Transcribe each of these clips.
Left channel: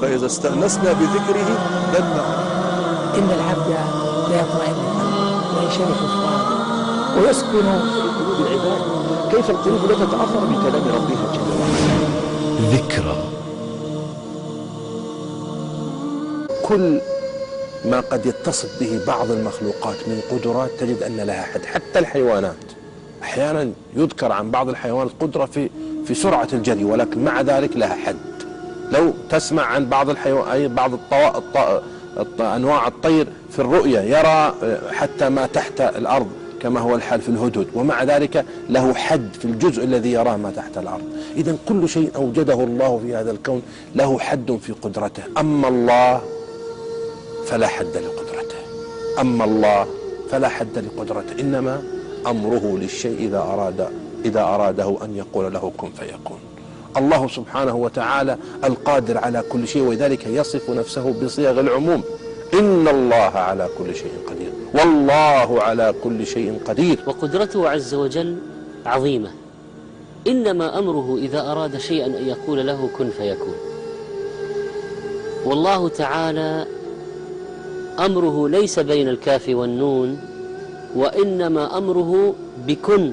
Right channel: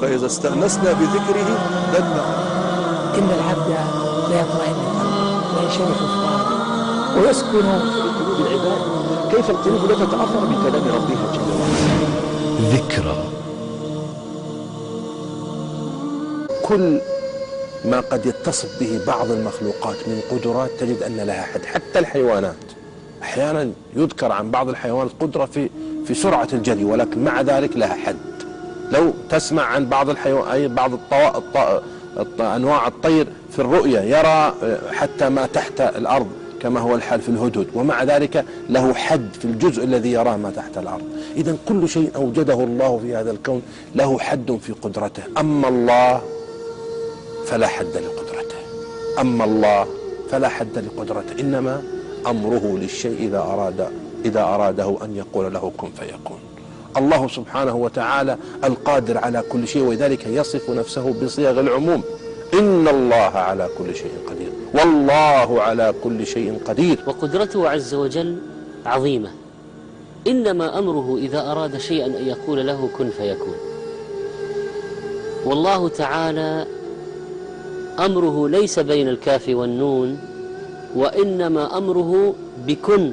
فإذا استأنسنا بذكره دل. إن العبد لا يطمئن وينشرح فؤاده ويسكن في قلوب العباد. كيف القلوب لا تتأثر بكلام ربها جل وعلا؟ ذكرى. كل ما قد يتصف به بعض المخلوقات من قدرات تجد أن لها حد. حتى الحيوانات أحيانا يذكر عن بعض الحيوانات قدرة في سرعة الجري، ولكن مع ذلك لها حد. لو تسمع عن بعض الحيوانات، بعض أنواع الطير في الرؤية يرى حتى ما تحت الأرض كما هو الحال في الهدهد، ومع ذلك له حد في الجزء الذي يراه ما تحت الأرض. إذن كل شيء أوجده الله في هذا الكون له حد في قدرته. أما الله فلا حد لقدرته، أما الله فلا حد لقدرته، إنما أمره للشيء إذا أراده أن يقول له كن فيكون. الله سبحانه وتعالى القادر على كل شيء، ولذلك يصف نفسه بصيغ العموم: إن الله على كل شيء قدير، والله على كل شيء قدير. وقدرته عز وجل عظيمة، إنما أمره إذا أراد شيئا أن يقول له كن فيكون. والله تعالى أمره ليس بين الكاف والنون، وإنما أمره بكن،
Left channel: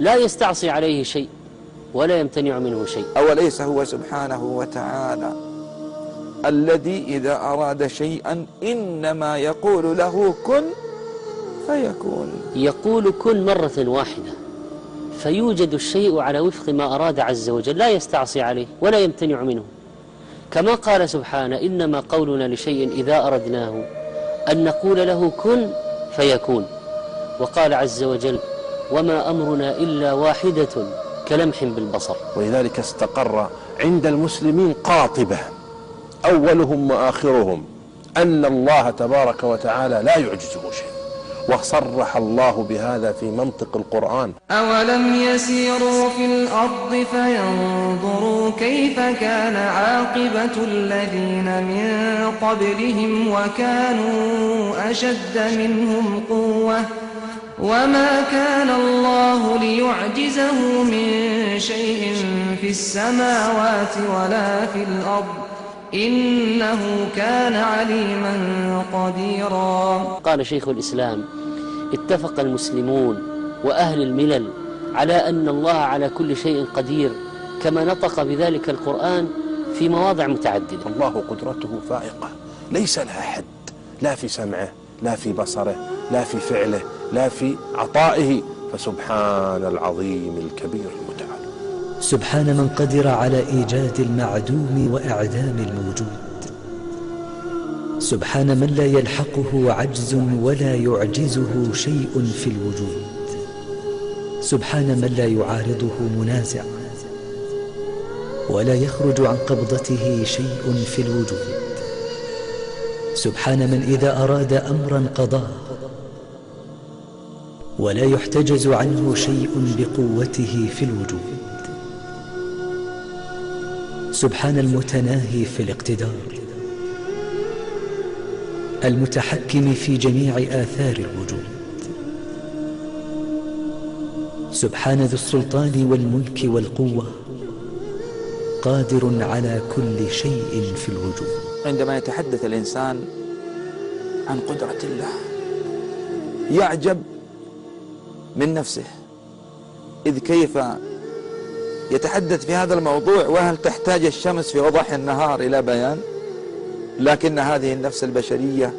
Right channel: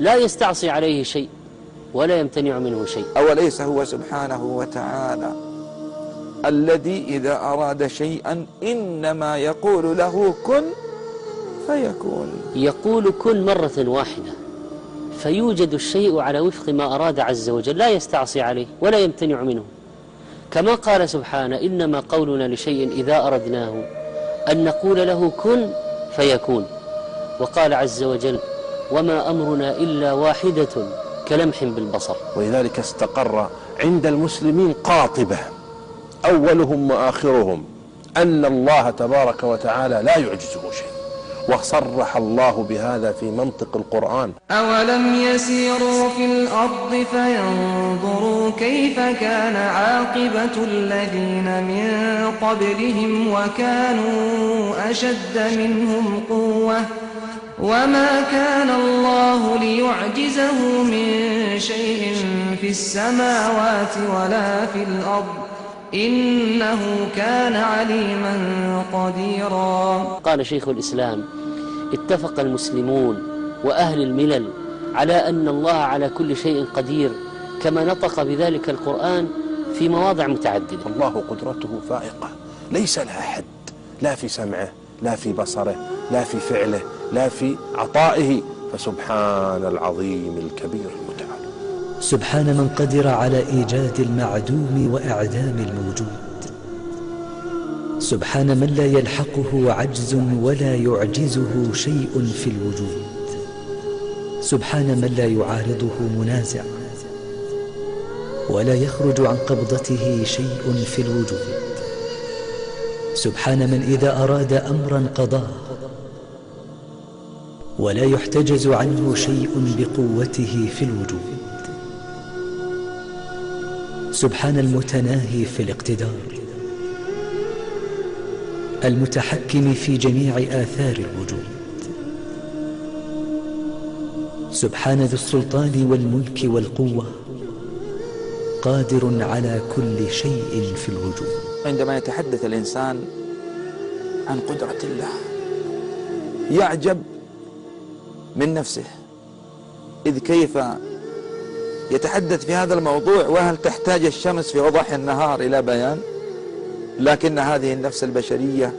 لا يستعصي عليه شيء ولا يمتنع منه شيء. أوليس هو سبحانه وتعالى الذي إذا أراد شيئا إنما يقول له كن فيكون؟ يقول كن مرة واحدة فيوجد الشيء على وفق ما أراد عز وجل، لا يستعصي عليه ولا يمتنع منه. كما قال سبحانه: إنما قولنا لشيء إذا أردناه أن نقول له كن فيكون. وقال عز وجل: وما أمرنا إلا واحدة كلمح بالبصر. ولذلك استقر عند المسلمين قاطبة أولهم وآخرهم أن الله تبارك وتعالى لا يعجزه شيء، وصرح الله بهذا في منطق القرآن: أولم يسيروا في الأرض فينظروا كيف كان عاقبة الذين من قبلهم وكانوا أشد منهم قوة وما كان الله ليعجزه من شيء في السماوات ولا في الأرض إنه كان عليما قديرا. قال شيخ الإسلام: اتفق المسلمون وأهل الملل على أن الله على كل شيء قدير، كما نطق بذلك القرآن في مواضع متعددة. الله قدرته فائقة ليس لها حد، لا في سمعه، لا في بصره، لا في فعله، لا في عطائه، فسبحان العظيم الكبير المتعال. سبحان من قدر على إيجاد المعدوم وإعدام الموجود. سبحان من لا يلحقه عجز ولا يعجزه شيء في الوجود. سبحان من لا يعارضه منازع ولا يخرج عن قبضته شيء في الوجود. سبحان من إذا أراد أمرا قضاه ولا يحتجز عنه شيء بقوته في الوجود. سبحان المتناهي في الاقتدار المتحكم في جميع آثار الوجود. سبحان ذو السلطان والملك والقوة قادر على كل شيء في الوجود. عندما يتحدث الإنسان عن قدرة الله يعجب من نفسه، إذ كيف يتحدث في هذا الموضوع وهل تحتاج الشمس في وضح النهار إلى بيان؟ لكن هذه النفس البشرية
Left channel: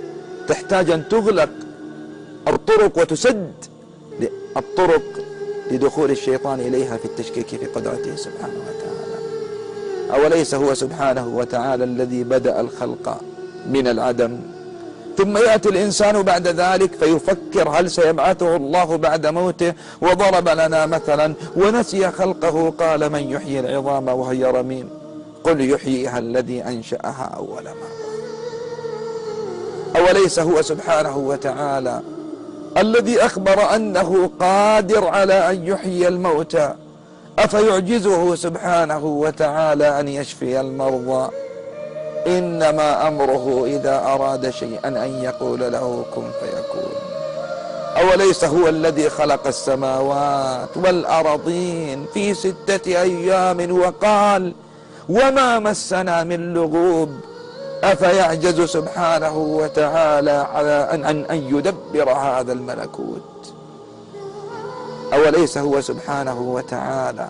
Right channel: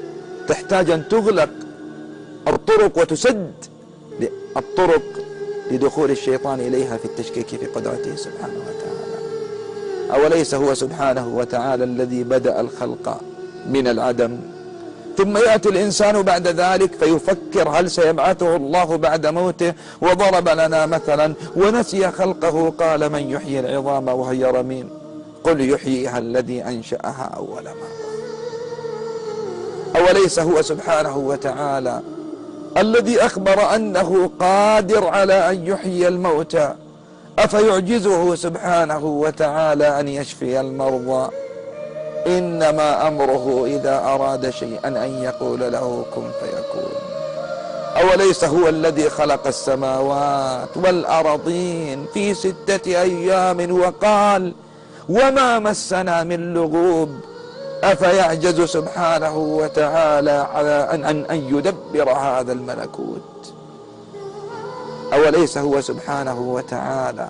تحتاج أن تغلق الطرق وتسد الطرق لدخول الشيطان إليها في التشكيك في قدرته سبحانه وتعالى. أوليس هو سبحانه وتعالى الذي بدأ الخلق من العدم، ثم يأتي الإنسان بعد ذلك فيفكر هل سيبعثه الله بعد موته، وضرب لنا مثلا ونسي خلقه قال من يحيي العظام وهي رميم قل يحييها الذي أنشأها أول مرة. أوليس هو سبحانه وتعالى الذي أخبر أنه قادر على أن يحيي الموتى، أفيعجزه سبحانه وتعالى أن يشفي المرضى؟ إنما أمره إذا أراد شيئا أن يقول له كن فيكون. أوليس هو الذي خلق السماوات والأرضين في 6 أيام وقال وما مسنا من لغوب أفيعجز سبحانه وتعالى على أن يدبر هذا الملكوت؟ أوليس هو سبحانه وتعالى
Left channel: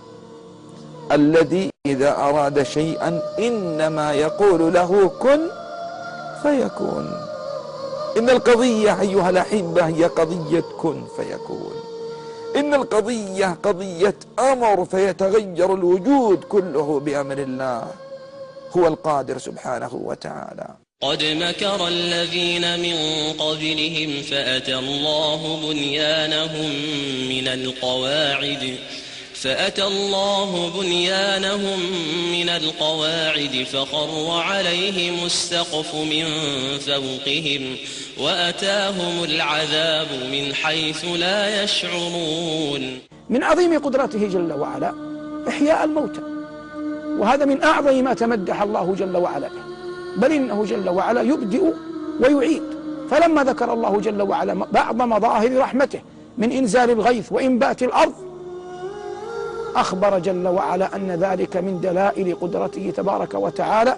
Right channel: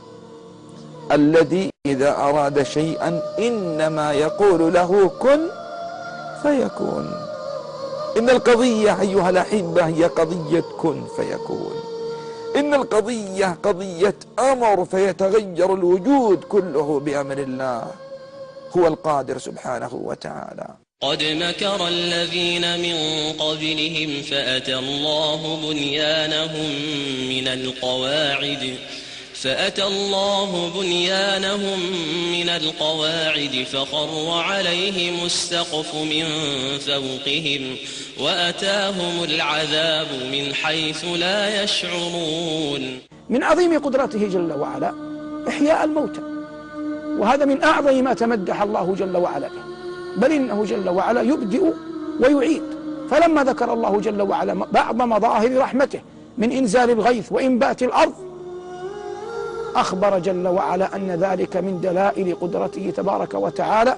الذي إذا أراد شيئا إنما يقول له كن فيكون؟ إن القضية أيها الأحبة هي قضية كن فيكون، إن القضية قضية أمر فيتغير الوجود كله بأمر الله. هو القادر سبحانه وتعالى. قد مكر الذين من قبلهم فأتى الله بنيانهم من القواعد فخر عليهم السقف من فوقهم وأتاهم العذاب من حيث لا يشعرون. من عظيم قدرته جل وعلا إحياء الموتى، وهذا من أعظم ما تمدح الله جل وعلا به، بل إنه جل وعلا يبدئ ويعيد. فلما ذكر الله جل وعلا بعض مظاهر رحمته من إنزال الغيث وإنبات الأرض، أخبر جل وعلا أن ذلك من دلائل قدرته تبارك وتعالى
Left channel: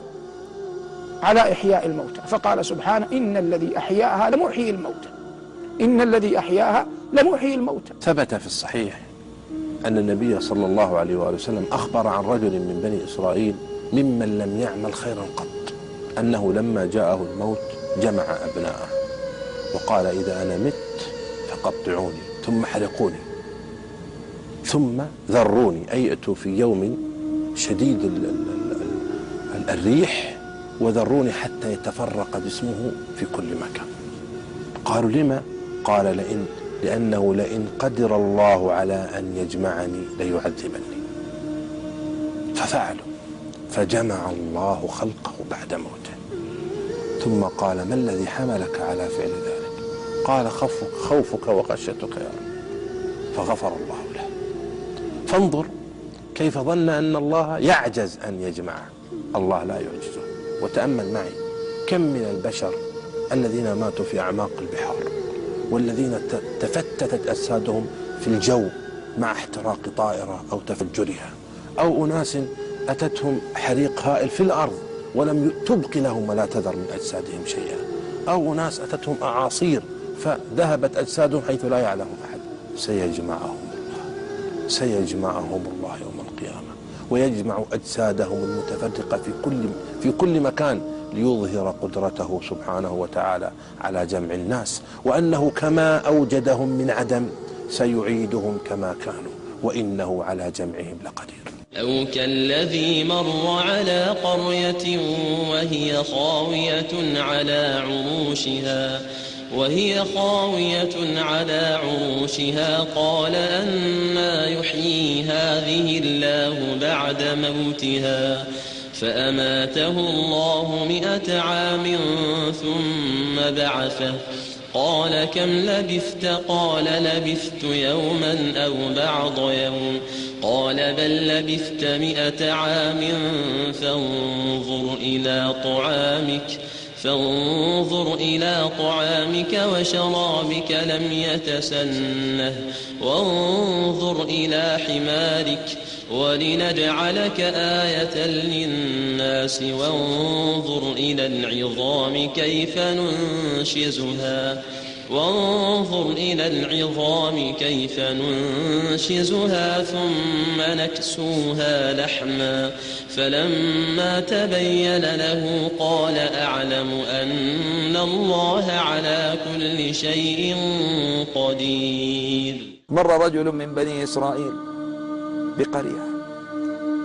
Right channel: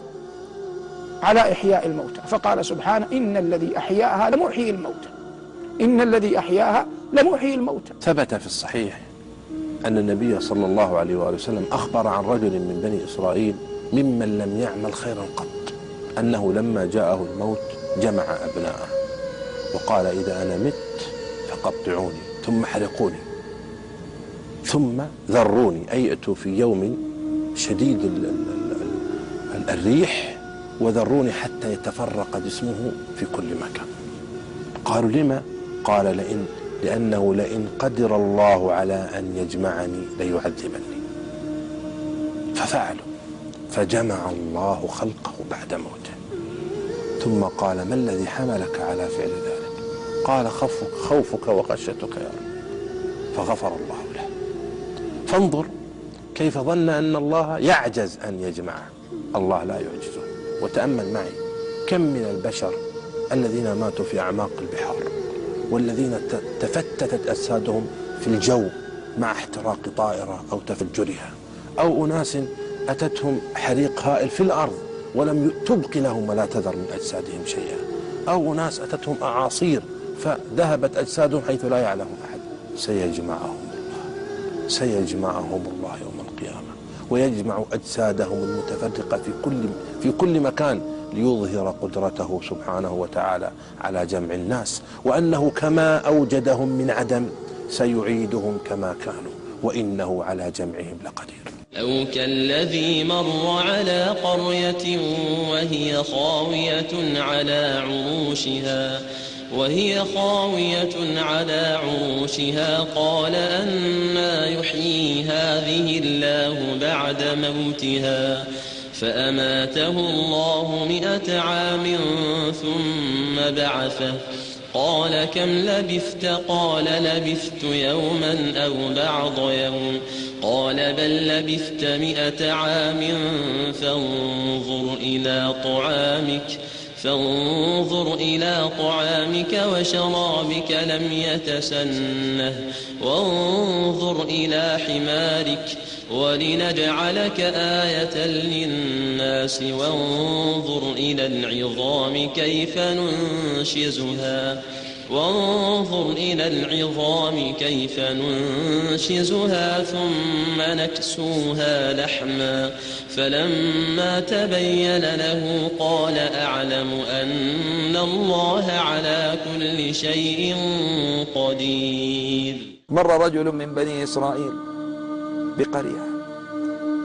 على إحياء الموتى، فقال سبحانه إن الذي أحياها لمحيي الموتى، إن الذي أحياها لمحيي الموتى. ثبت في الصحيح أن النبي صلى الله عليه وآله وسلم أخبر عن رجل من بني إسرائيل ممن لم يعمل خيرا قط، أنه لما جاءه الموت جمع أبناءه وقال إذا أنا مت فقطعوني ثم حرقوني ثم ذروني، أي ائتوا في يوم شديد الريح وذروني حتى يتفرق جسمه في كل مكان. قالوا لما؟ قال لأنه لئن قدر الله على أن يجمعني ليعذبني. ففعلوا، فجمع الله خلقه بعد موته. ثم قال ما الذي حملك على فعل ذلك؟ قال خوفك وخشيتك يا رب، فغفر الله له. فانظر كيف ظن أن الله يعجز أن يجمعه، الله لا يعجزه. وتأمل معي كم من البشر الذين ماتوا في أعماق البحار، والذين تفتتت أجسادهم في الجو مع احتراق طائرة أو تفجرها، أو أناس أتتهم حريق هائل في الأرض ولم تبق لهم ولا تذر من أجسادهم شيئا، أو أناس أتتهم أعاصير فذهبت أجسادهم حيث لا يعلم أحد. سيجمعهم الله يوم القيامة ويجمع أجسادهم المتفرقة في كل مكان ليظهر قدرته سبحانه وتعالى على جمع الناس، وأنه كما أوجدهم من عدم سيعيدهم كما كانوا وإنه على جمعهم لقدير. أو كالذي مر على قرية وهي خاوية على عروشها قال أنى يحيي هذه الله بعد موتها فأماته الله 100 عام ثم بعثه قال كم لبثت؟ قال لبثت يوما أو بعض يوم قال بل لبثت 100 عام فانظر إلى طعامك وشرابك لم يتسنه وانظر إلى حمارك ولنجعلك آية للناس وانظر إلى العظام كيف ننشزها ثم نكسوها لحما فلما تبين له قال أعلم أن الله على كل شيء قدير. مر رجل من بني إسرائيل بقرية،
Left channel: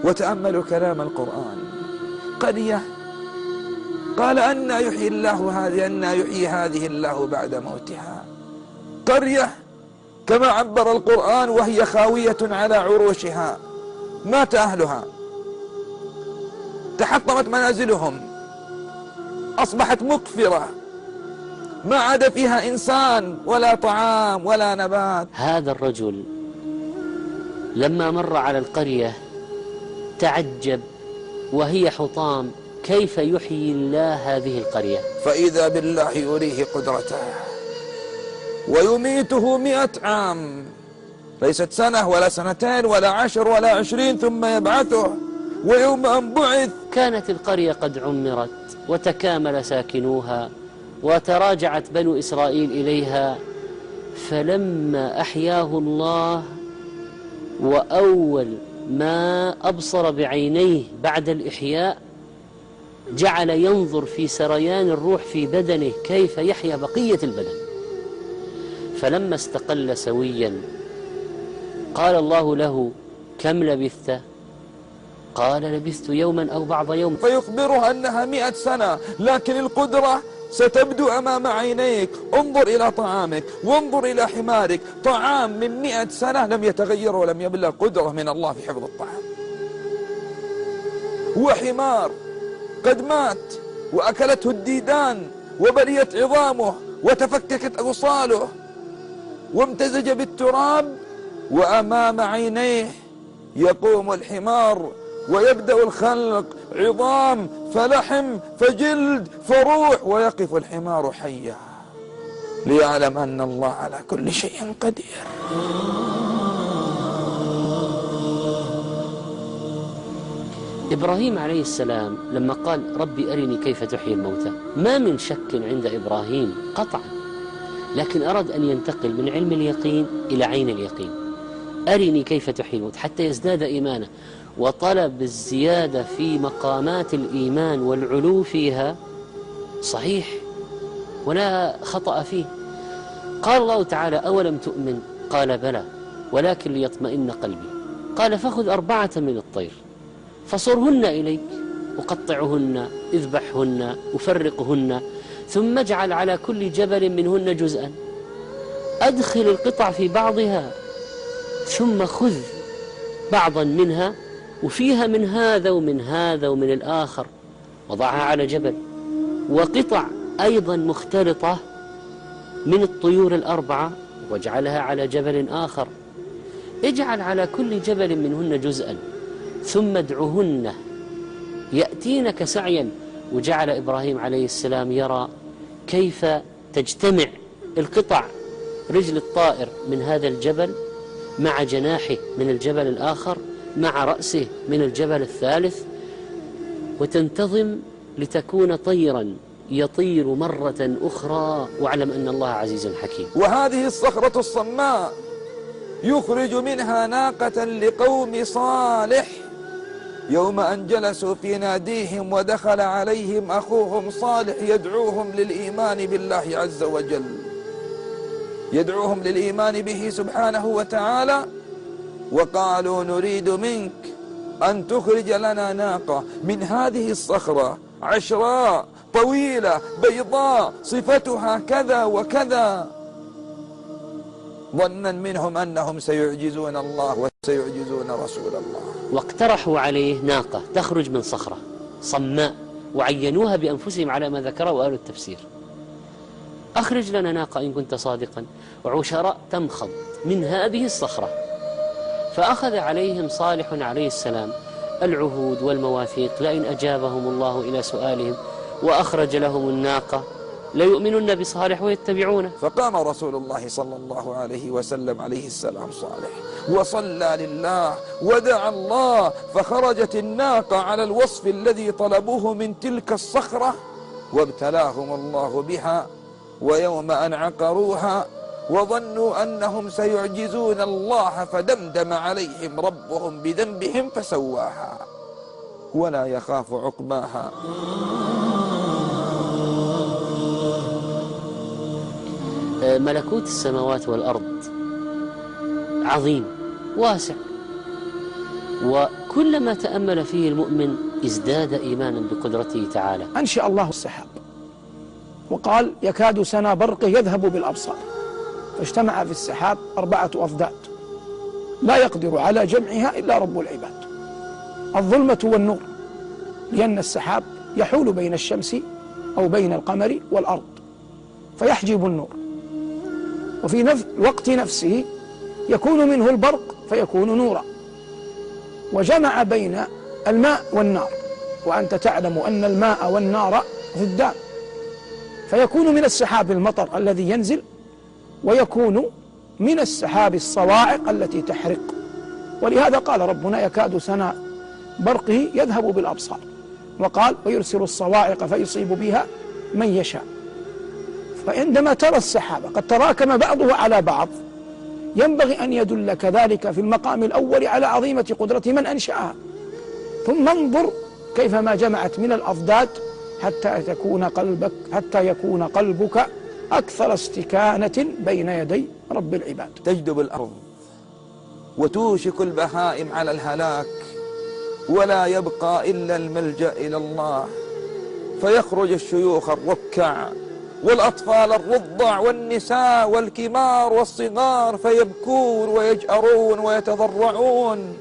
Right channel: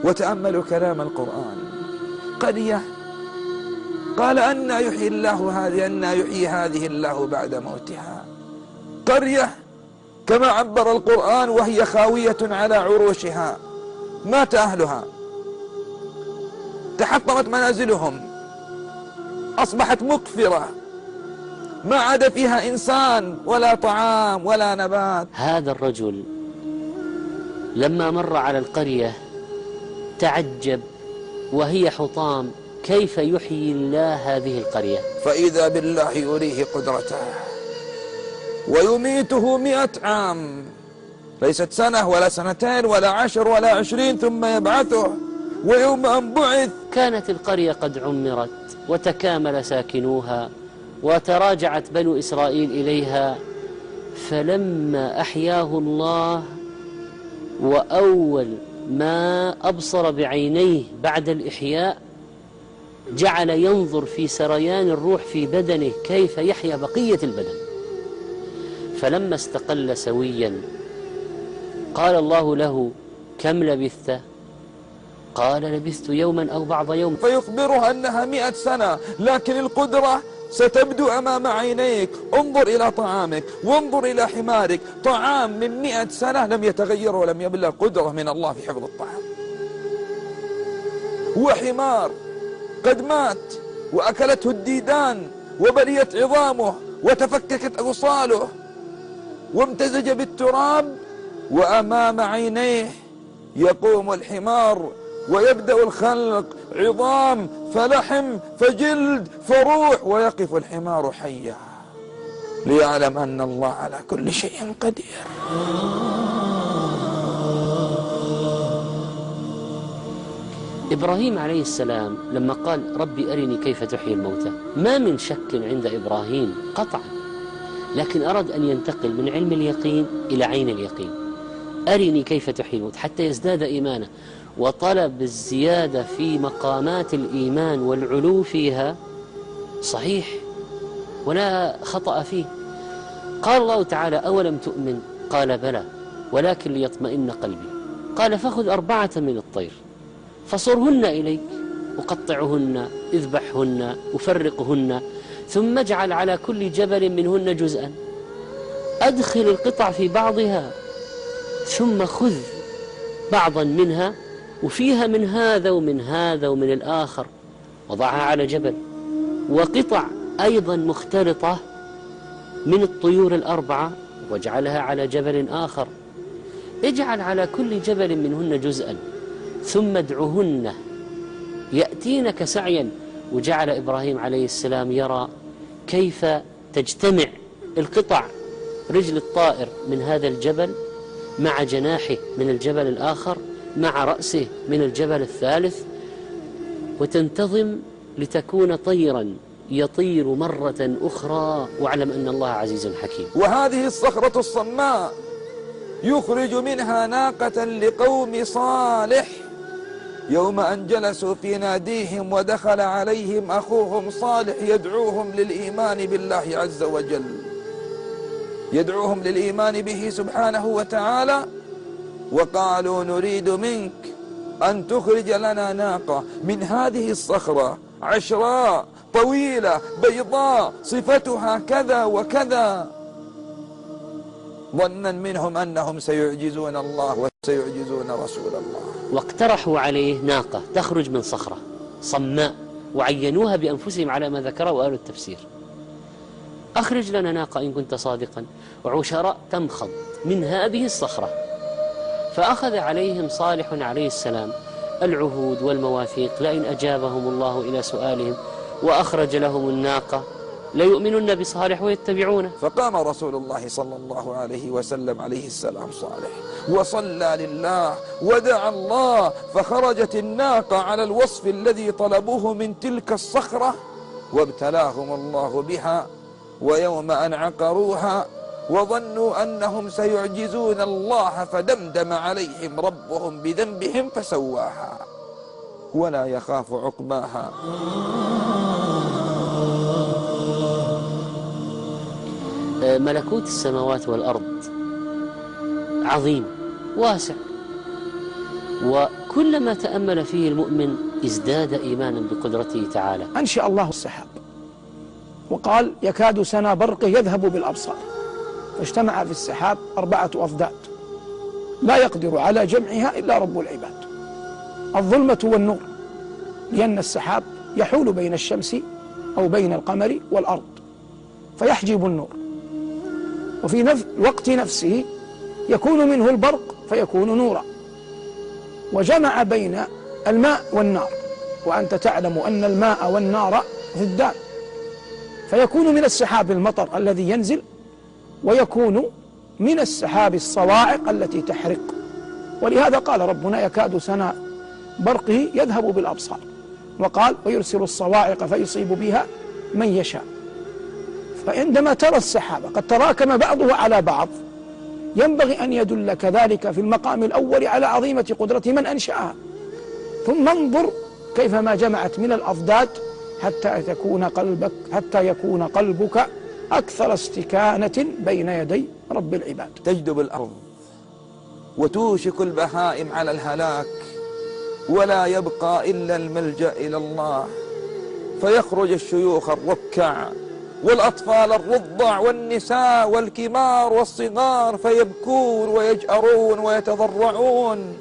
وتأملوا كلام القرآن. قرية قال أنى يحيي هذه الله بعد موتها. قرية كما عبر القرآن وهي خاوية على عروشها، مات أهلها، تحطمت منازلهم، أصبحت مكفرة، ما عاد فيها إنسان ولا طعام ولا نبات. هذا الرجل لما مر على القرية تعجب وهي حطام كيف يحيي الله هذه القرية، فإذا بالله يريه قدرته ويميته 100 عام، ليست سنة ولا سنتين ولا 10 ولا 20، ثم يبعثه ويوم أن بعث كانت القرية قد عمرت وتكامل ساكنوها وتراجعت بنو إسرائيل إليها، فلما أحياه الله وأول ما أبصر بعينيه بعد الإحياء جعل ينظر في سريان الروح في بدنه كيف يحيا بقية البدن. فلما استقل سويا قال الله له: كم لبثت؟ قال: لبثت يوما أو بعض يوم. فيخبرها أنها 100 سنة، لكن القدرة ستبدو أمام عينيك. انظر إلى طعامك وانظر إلى حمارك، طعام من 100 سنة لم يتغير ولم يبلغ، قدرة من الله في حفظ الطعام. وحمار قد مات وأكلته الديدان وبليت عظامه وتفككت أوصاله وامتزج بالتراب، وأمام عينيه يقوم الحمار ويبدأ الخلق، عظام فلحم فجلد فروح، ويقف الحمار حيا ليعلم أن الله على كل شيء قدير. إبراهيم عليه السلام لما قال: ربي أرني كيف تحيي الموتى، ما من شك عند إبراهيم قطعا، لكن أراد أن ينتقل من علم اليقين إلى عين اليقين. أرني كيف تحيي الموتى حتى يزداد إيمانه، وطلب الزيادة في مقامات الإيمان والعلو فيها صحيح ولا خطأ فيه. قال الله تعالى: أولم تؤمن؟ قال: بلى ولكن ليطمئن قلبي. قال: فخذ 4 من الطير فصرهن إليك وقطعهن، اذبحهن وفرقهن، ثم اجعل على كل جبل منهن جزءا، أدخل القطع في بعضها، ثم خذ بعضا منها وفيها من هذا ومن هذا ومن الآخر، وضعها على جبل، وقطع أيضا مختلطة من الطيور 4 واجعلها على جبل آخر، اجعل على كل جبل منهن جزءا ثم ادعهن يأتينك سعيا. وجعل إبراهيم عليه السلام يرى كيف تجتمع القطع، رجل الطائر من هذا الجبل مع جناحه من الجبل الآخر مع رأسه من الجبل الثالث، وتنتظم لتكون طيرا يطير مرة أخرى، واعلم أن الله عزيز حكيم. وهذه الصخرة الصماء يخرج منها ناقة لقوم صالح، يوم أن جلسوا في ناديهم ودخل عليهم أخوهم صالح يدعوهم للإيمان بالله عز وجل، يدعوهم للإيمان به سبحانه وتعالى، وقالوا: نريد منك أن تخرج لنا ناقة من هذه الصخرة عشراء طويلة بيضاء صفتها كذا وكذا، ظنا منهم أنهم سيعجزون الله وسيعجزون رسول الله. واقترحوا عليه ناقة تخرج من صخرة صماء، وعينوها بأنفسهم على ما ذكره أهل التفسير. أخرج لنا ناقة إن كنت صادقا، وعشراء تمخض من هذه الصخرة. فأخذ عليهم صالح عليه السلام العهود والمواثيق، لئن أجابهم الله إلى سؤالهم وأخرج لهم الناقة ليؤمنن بصالح ويتبعونه. فقام رسول الله صلى الله عليه وسلم عليه السلام صالح وصلى لله ودعا الله، فخرجت الناقة على الوصف الذي طلبوه من تلك الصخرة، وابتلاهم الله بها. ويوم أن عقروها وظنوا أنهم سيعجزون الله فدمدم عليهم ربهم بذنبهم فسواها ولا يخاف عقباها. ملكوت السماوات والأرض عظيم واسع، وكلما تأمل فيه المؤمن ازداد إيمانا بقدرته تعالى. أنشأ الله السحاب وقال: يكاد سنا برقه يذهب بالأبصار، فاجتمع في السحاب 4 أضداد لا يقدر على جمعها إلا رب العباد، الظلمة والنور، لأن السحاب يحول بين الشمس أو بين القمر والأرض فيحجب النور، وفي وقت نفسه يكون منه البرق فيكون نورا، وجمع بين الماء والنار، وأنت تعلم أن الماء والنار ضدان، فيكون من السحاب المطر الذي ينزل، ويكون من السحاب الصواعق التي تحرق. ولهذا قال ربنا: يكاد سنا برقه يذهب بالأبصار، وقال ويرسل الصواعق فيصيب بها من يشاء. فعندما ترى السحابة قد تراكم بعضها على بعض ينبغي أن يدل كذلك في المقام الأول على عظيمة قدرة من أنشأها، ثم انظر كيفما جمعت من الأضداد حتى يكون قلبك أكثر استكانة بين يدي رب العباد. تجدب الأرض وتوشك البهائم على الهلاك، ولا يبقى إلا الملجأ إلى الله، فيخرج الشيوخ الركع والأطفال الرضع والنساء والكبار والصغار فيبكون ويجأرون ويتضرعون،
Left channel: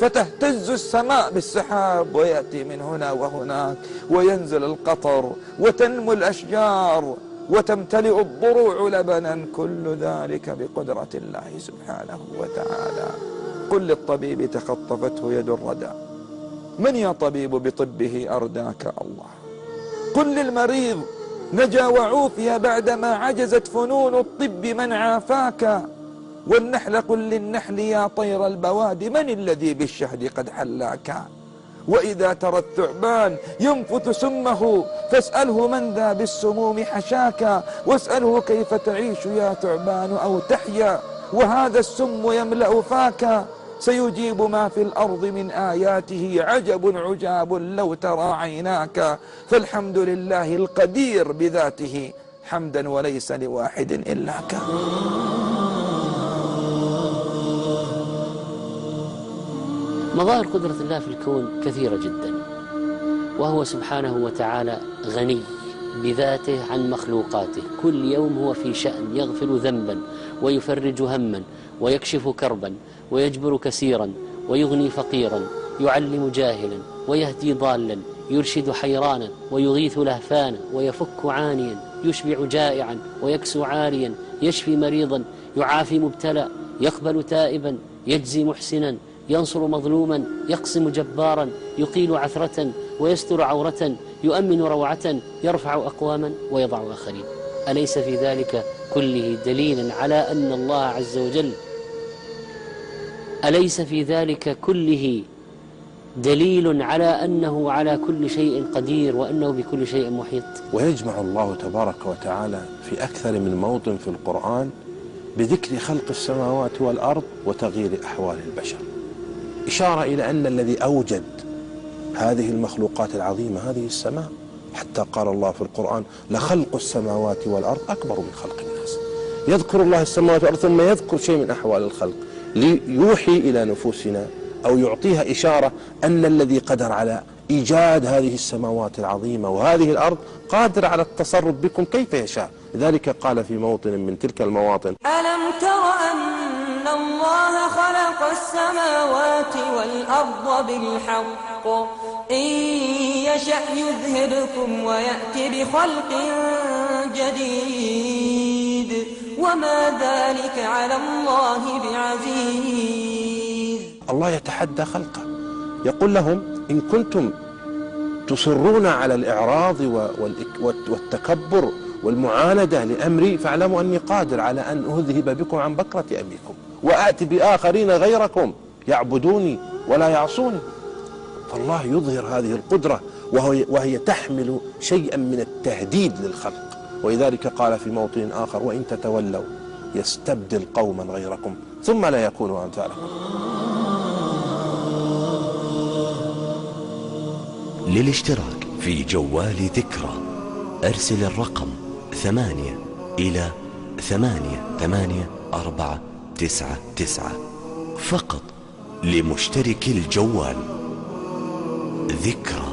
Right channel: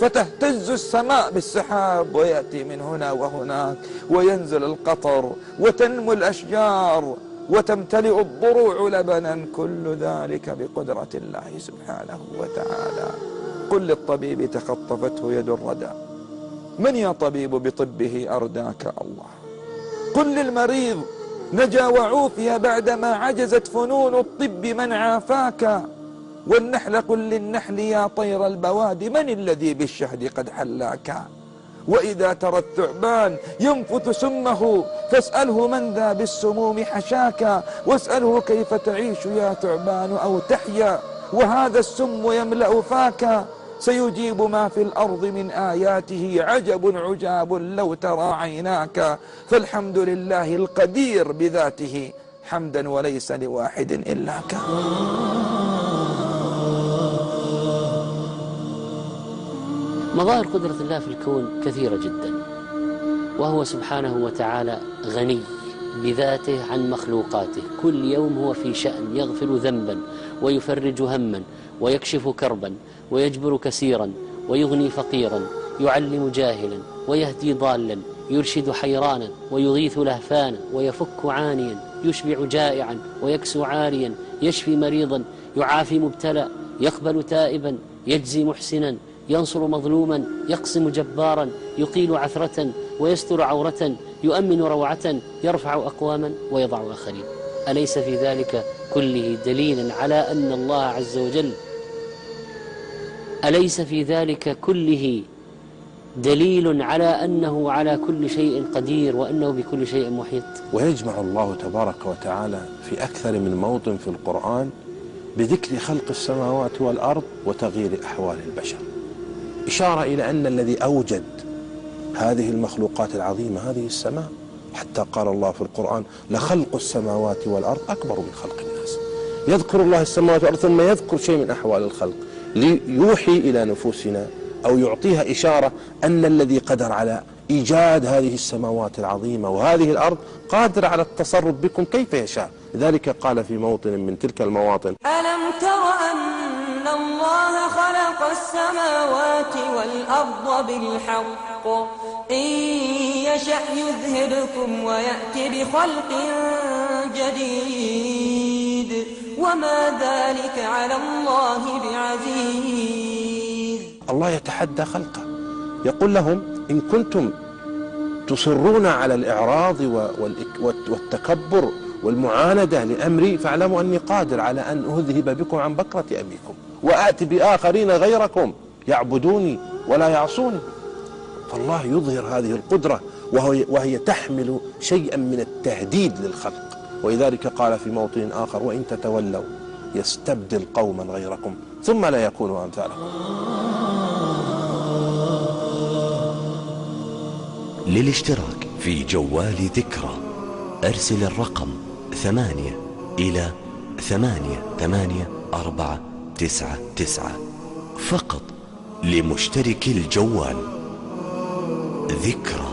فتهتز السماء بالسحاب ويأتي من هنا وهناك وينزل القطر وتنمو الأشجار وتمتلئ الضروع لبنا، كل ذلك بقدرة الله سبحانه وتعالى. قل للطبيب تخطفته يد الردى، من يا طبيب بطبه أرداك الله. قل للمريض نجا وعوفي بعدما عجزت فنون الطب من عافاك. والنحل قل للنحل يا طير البواد من الذي بالشهد قد حلاك. وإذا ترى الثعبان ينفث سمه فاسأله من ذا بالسموم حشاك، واسأله كيف تعيش يا ثعبان أو تحيا وهذا السم يملأ فاك. سيجيب ما في الأرض من آياته عجب عجاب لو ترى عيناك. فالحمد لله القدير بذاته حمدا وليس لواحد إلاك. مظاهر قدرة الله في الكون كثيرة جدا، وهو سبحانه وتعالى غني بذاته عن مخلوقاته، كل يوم هو في شأن، يغفر ذنبا ويفرج هما ويكشف كربا ويجبر كثيرا ويغني فقيرا، يعلم جاهلا ويهدي ضالا، يرشد حيرانا ويغيث لهفانا، ويفك عانيا، يشبع جائعا ويكسو عاريا، يشفي مريضا، يعافي مبتلى، يقبل تائبا، يجزي محسنا، ينصر مظلوما، يقسم جبارا، يقيل عثرة ويستر عورة، يؤمن روعة، يرفع أقواما ويضع آخرين. أليس في ذلك كله دليلا على أن الله عز وجل أليس في ذلك كله دليل على أنه على كل شيء قدير وأنه بكل شيء محيط؟ ويجمع الله تبارك وتعالى في أكثر من موطن في القرآن بذكر خلق السماوات والأرض وتغيير أحوال البشر، إشارة إلى أن الذي أوجد هذه المخلوقات العظيمة هذه السماء، حتى قال الله في القرآن لخلق السماوات والأرض أكبر من خلق الناس. يذكر الله السماوات والأرض ثم يذكر شيء من أحوال الخلق ليوحي إلى نفوسنا أو يعطيها إشارة أن الذي قدر على إيجاد هذه السماوات العظيمة وهذه الأرض قادر على التصرف بكم كيف يشاء. لذلك قال في موطن من تلك المواطن ألم تر أن الله خلق السماوات والأرض بالحق إن يشأ يذهبكم ويأتي بخلق جديد وما ذلك على الله بعزيز. الله يتحدى خلقه، يقول لهم إن كنتم تصرون على الإعراض والتكبر والمعاندة لأمري فاعلموا أني قادر على أن أذهب بكم عن بكرة أبيكم وآتي بآخرين غيركم يعبدوني ولا يعصوني. فالله يظهر هذه القدرة وهي تحمل شيئا من التهديد للخلق. ولذلك قال في موطن آخر وإن تتولوا يستبدل قوما غيركم ثم لا يكونوا أمثالكم. للاشتراك في جوال ذكرى أرسل الرقم 8 إلى 88499 فقط لمشترك الجوال. ذكرى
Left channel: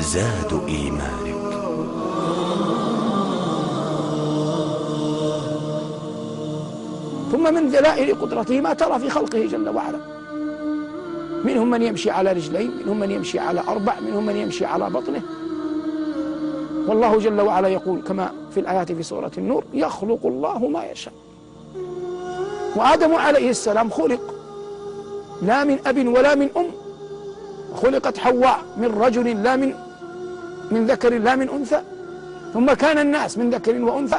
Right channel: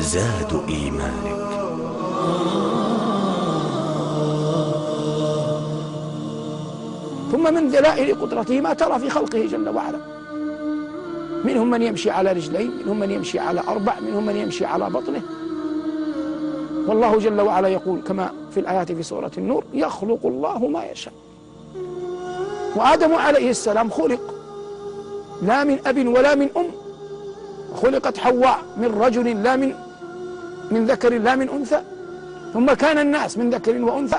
زاد إيمانك. ثم من دلائل قدرته ما ترى في خلقه جل وعلا، منهم من يمشي على رجلين، منهم من يمشي على 4، منهم من يمشي على بطنه. والله جل وعلا يقول كما في الآيات في سورة النور يخلق الله ما يشاء. وآدم عليه السلام خلق لا من أب ولا من أم، خلقت حواء من رجل لا من ذكر لا من أنثى، ثم كان الناس من ذكر وأنثى،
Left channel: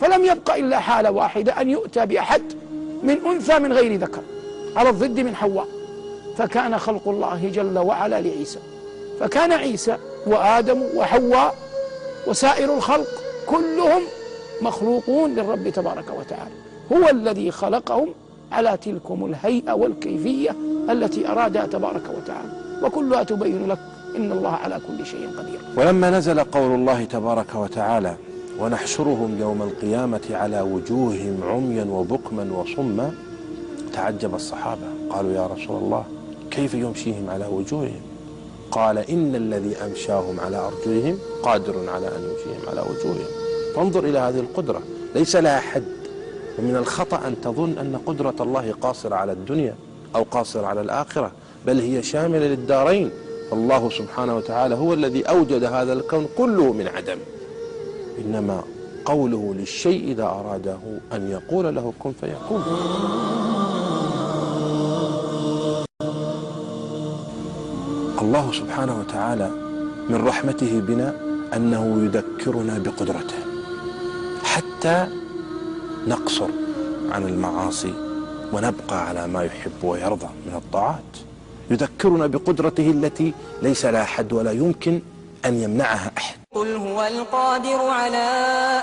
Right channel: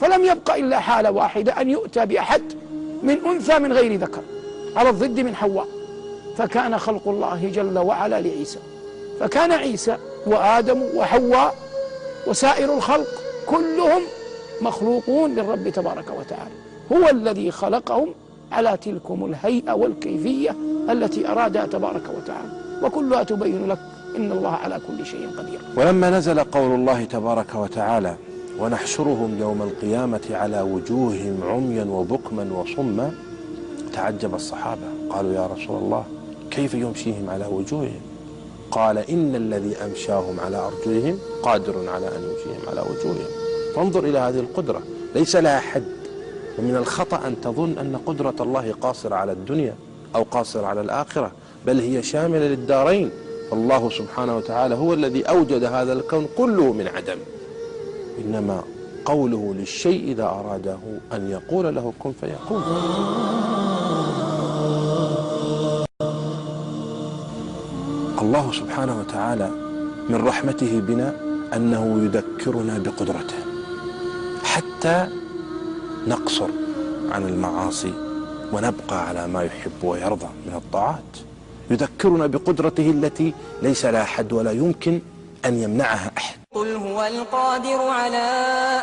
فلم يبق إلا حالة واحدة أن يؤتى بأحد من أنثى من غير ذكر على الضد من حواء. فكان خلق الله جل وعلا لعيسى، فكان عيسى وآدم وحواء وسائر الخلق كلهم مخلوقون للرب تبارك وتعالى، هو الذي خلقهم على تلكم الهيئة والكيفية التي أرادها تبارك وتعالى، وكلها تبين لك إن الله على كل شيء قدير. ولما نزل قول الله تبارك وتعالى ونحشرهم يوم القيامة على وجوههم عميا وبكما وصما، تعجب الصحابة قالوا يا رسول الله كيف يمشيهم على وجوههم؟ قال إن الذي أمشاهم على أرجلهم قادر على أن يمشيهم على وجوههم. فانظر إلى هذه القدرة، ليس لها حد. ومن الخطأ أن تظن أن قدرة الله قاصرة على الدنيا أو قاصرة على الآخرة، بل هي شاملة للدارين. فالله سبحانه وتعالى هو الذي أوجد هذا الكون كله من عدم، إنما قوله للشيء إذا أراده أن يقول له كن فيكون. الله سبحانه وتعالى من رحمته بنا أنه يذكرنا بقدرته حتى نقصر عن المعاصي ونبقى على ما يحب ويرضى من الطاعات. يذكرنا بقدرته التي ليس لها حد ولا يمكن أن يمنعها أحد. قل هو القادر على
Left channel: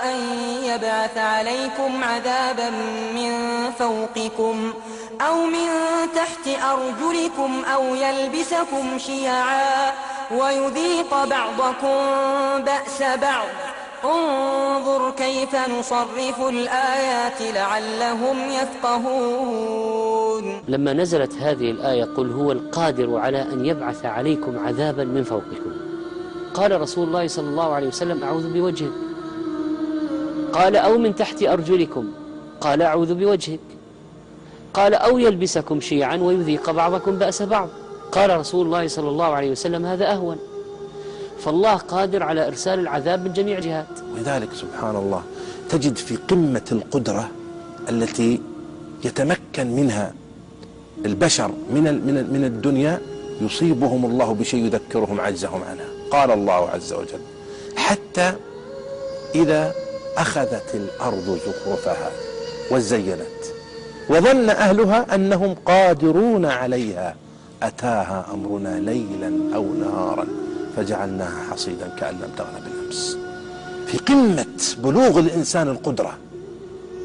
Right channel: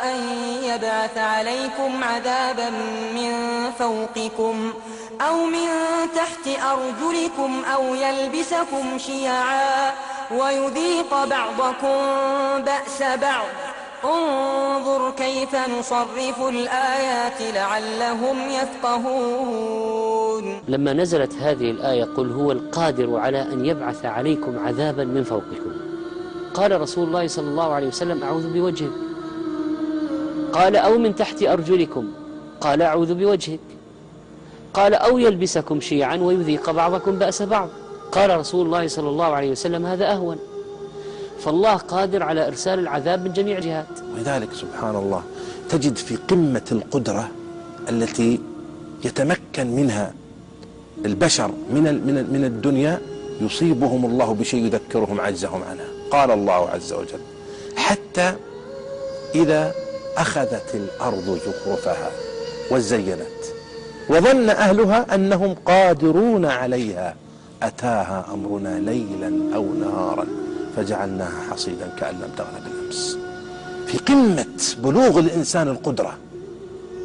أن يبعث عليكم عذابا من فوقكم أو من تحت أرجلكم أو يلبسكم شيعا ويذيق بعضكم بأس بعض انظر كيف نصرف الآيات لعلهم يفقهون. لما نزلت هذه الآية قل هو القادر على أن يبعث عليكم عذابا من فوقكم، قال رسول الله صلى الله عليه وسلم أعوذ بوجهك. قال أو من تحت أرجلكم، قال أعوذ بوجهك. قال أو يلبسكم شيعا ويذيق بعضكم بأس بعض، قال رسول الله صلى الله عليه وسلم هذا أهون. فالله قادر على إرسال العذاب من جميع جهات. ولذلك سبحان الله تجد في قمة القدرة التي يتمكن منها البشر من الدنيا يصيبهم الله بشيء يذكرهم عجزهم عنها. قال الله عز وجل حتى إذا أخذت الأرض زخرفها وزينت وظن أهلها أنهم قادرون عليها أتاها أمرنا ليلا أو نهارا فجعلناها حصيدا كأن لم تغن بالأمس. في قمة بلوغ الإنسان القدرة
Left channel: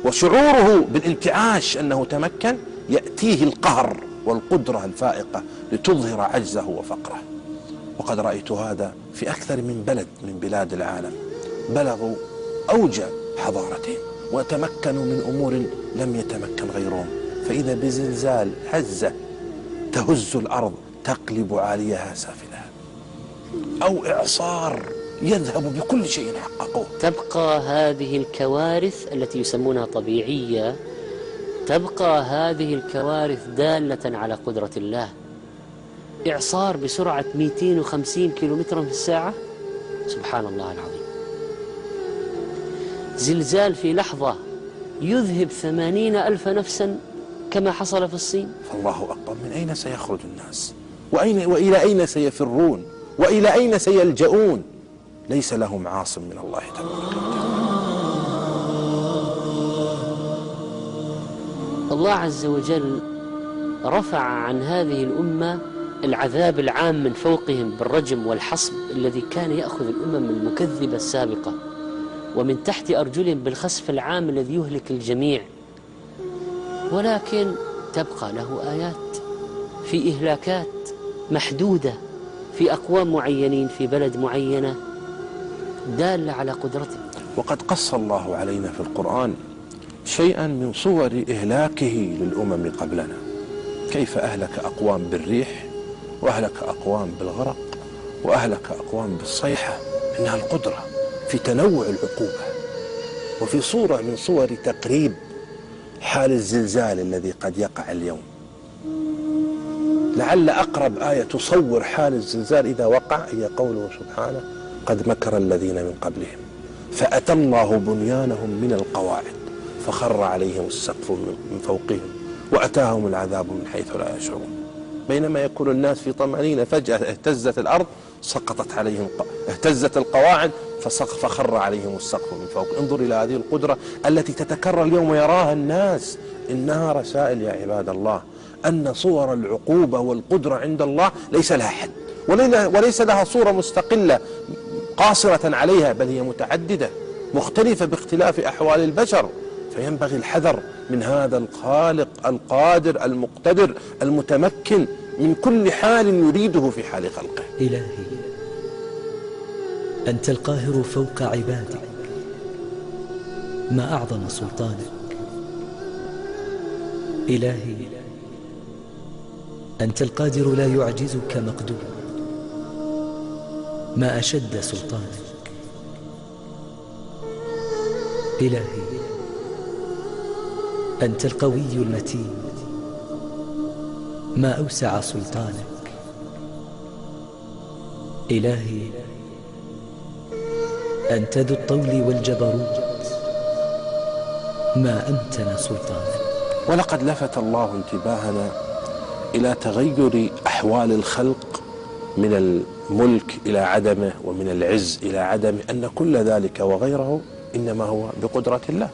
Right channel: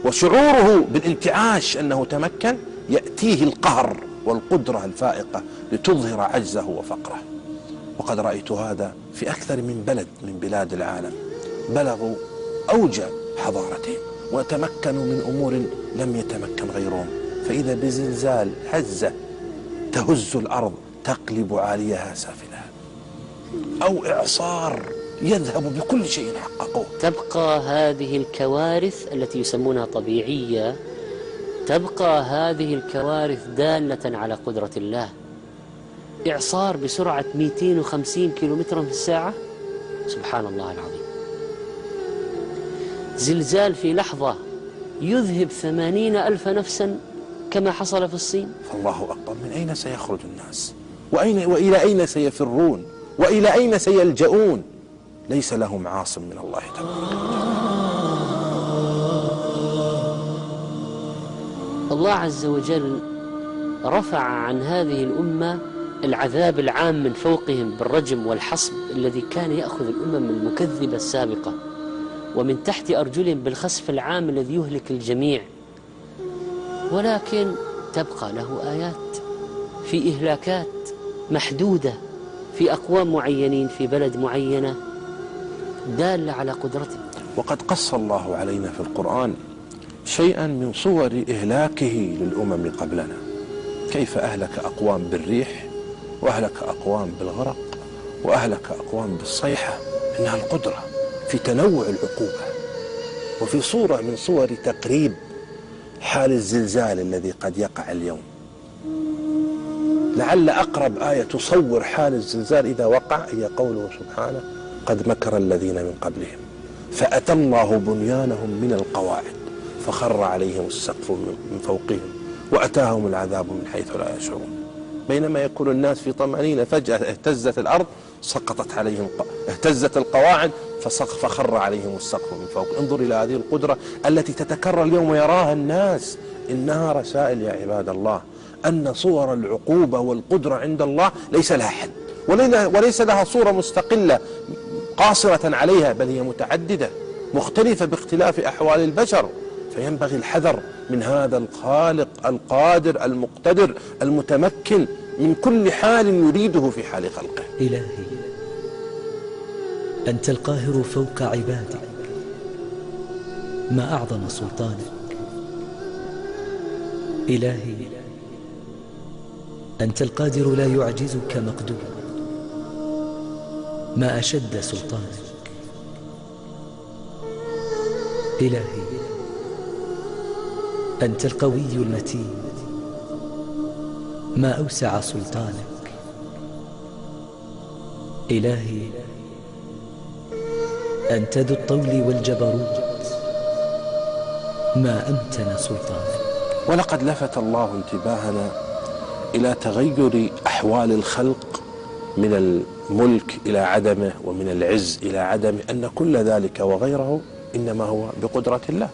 وشعوره بالانتعاش أنه تمكن، يأتيه القهر والقدرة الفائقة لتظهر عجزه وفقره. وقد رأيت هذا في أكثر من بلد من بلاد العالم، بلغوا أوج حضارتهم وتمكنوا من أمور لم يتمكن غيرهم، فإذا بزلزال هزة تهز الأرض تقلب عاليها سافلها، أو إعصار يذهب بكل شيء حققوه. تبقى هذه الكوارث التي يسمونها طبيعية، تبقى هذه الكوارث دالة على قدرة الله. إعصار بسرعة 250 كيلومتر في الساعة، سبحان الله العظيم. زلزال في لحظة يذهب 80,000 نفسا كما حصل في الصين. فالله أكبر، من أين سيخرج الناس؟ وإلى أين سيفرون؟ وإلى أين سيلجؤون؟ ليس لهم عاصم من الله تبارك وتعالى. الله عز وجل رفع عن هذه الأمة العذاب العام من فوقهم بالرجم والحصب الذي كان يأخذ الأمم المكذبة السابقة، ومن تحت أرجلهم بالخسف العام الذي يهلك الجميع. ولكن تبقى له آيات في إهلاكات محدودة في أقوام معينين في بلد معينة دالة على قدرته. وقد قص الله علينا في القرآن شيئا من صور إهلاكه للأمم قبلنا، كيف أهلك أقوام بالريح وأهلك أقوام بالغرق وأهلك أقوام بالصيحة. إنها القدرة في تنوع العقوبة، وفي صورة من صور تقريب حال الزلزال الذي قد يقع اليوم. لعل أقرب آية تصور حال الزلزال إذا وقع هي قوله سبحانه قد مكر الذين من قبلهم فأتى الله بنيانهم من القواعد فخر عليهم السقف من فوقهم وأتاهم العذاب من حيث لا يشعرون. بينما يكون الناس في طمأنينة فجأة اهتزت الأرض سقطت عليهم، اهتزت القواعد فخر عليهم السقف من فوق. انظر إلى هذه القدرة التي تتكرر اليوم ويراها الناس. إنها رسائل يا عباد الله أن صور العقوبة والقدرة عند الله ليس لها حد، وليس لها صورة مستقلة قاصرة عليها، بل هي متعددة مختلفة باختلاف أحوال البشر. فينبغي الحذر من هذا الخالق القادر المقتدر المتمكن من كل حال يريده في حال خلقه. إلهي أنت القاهر فوق عبادك، ما أعظم سلطانك. إلهي أنت القادر لا يعجزك مقدور، ما أشد سلطانك. إلهي أنت القوي المتين، ما أوسع سلطانك. إلهي أنت ذو الطول والجبروت، ما أمتن سلطانك. ولقد لفت الله انتباهنا إلى تغير أحوال الخلق من الملك إلى عدمه ومن العز إلى عدمه، أن كل ذلك وغيره إنما هو بقدرة الله.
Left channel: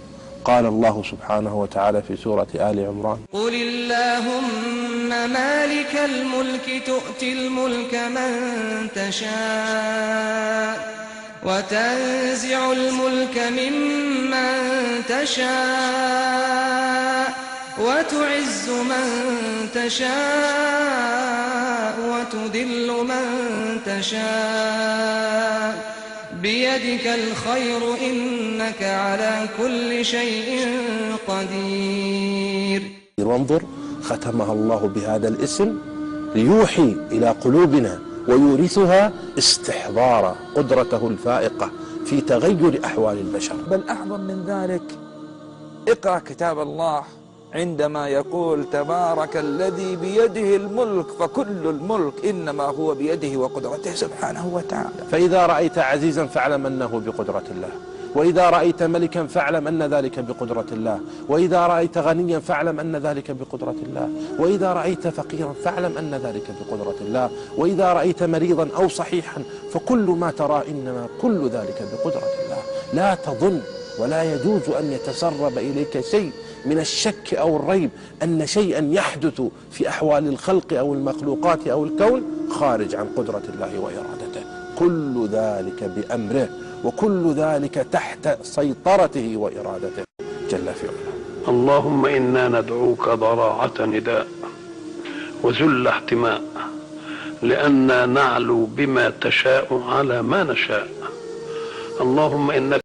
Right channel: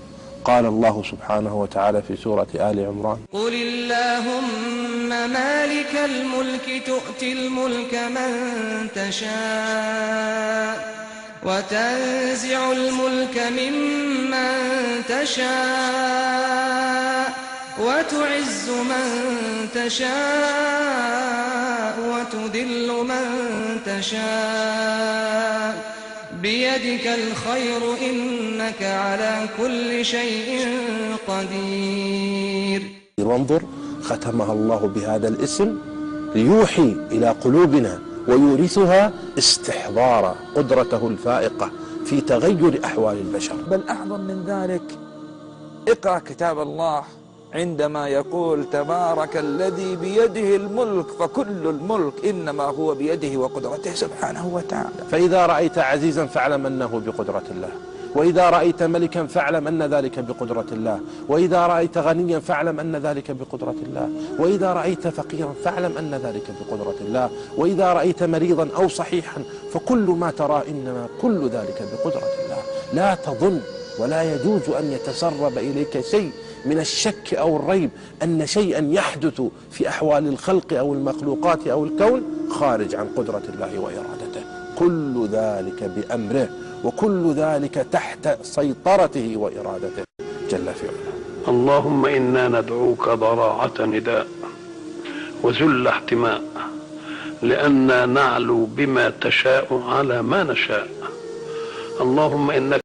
قال الله سبحانه وتعالى في سورة آل عمران: قل اللهم مالك الملك تؤتي الملك من تشاء وتنزع الملك ممن تشاء وتعز من تشاء وتذل من تشاء بيدك الخير إنك على كل شيء قدير. وانظر ختمها الله بهذا الاسم ليوحي إلى قلوبنا ويورثها استحضار قدرته الفائقة في تغير أحوال البشر. بل أعظم من ذلك، اقرأ كتاب الله عندما يقول تبارك الذي بيده الملك فكل الملك إنما هو بيده وقدرته سبحانه وتعالى. فإذا رأيت عزيزا فاعلم أنه بقدرة الله، وإذا رأيت ملكا فاعلم أن ذلك بقدرة الله، وإذا رأيت غنيا فاعلم أن ذلك بقدرة الله، وإذا رأيت فقيرا فاعلم أن ذلك بقدرة الله، وإذا رأيت مريضا أو صحيحا فكل ما ترى إنما كل ذلك بقدرة الله. لا تظن ولا يجوز أن يتسرب إليك شيء من الشك أو الريب أن شيئا يحدث في أحوال الخلق أو المخلوقات أو الكون خارج عن قدرة الله وإرادته. كل ذلك بأمره، وكل ذلك تحت سيطرته وإرادته جل في علاه. اللهم إنا ندعوك ضراعة نداء وذل احتماء، لأننا نعلو بما تشاء على ما نشاء. اللهم إنك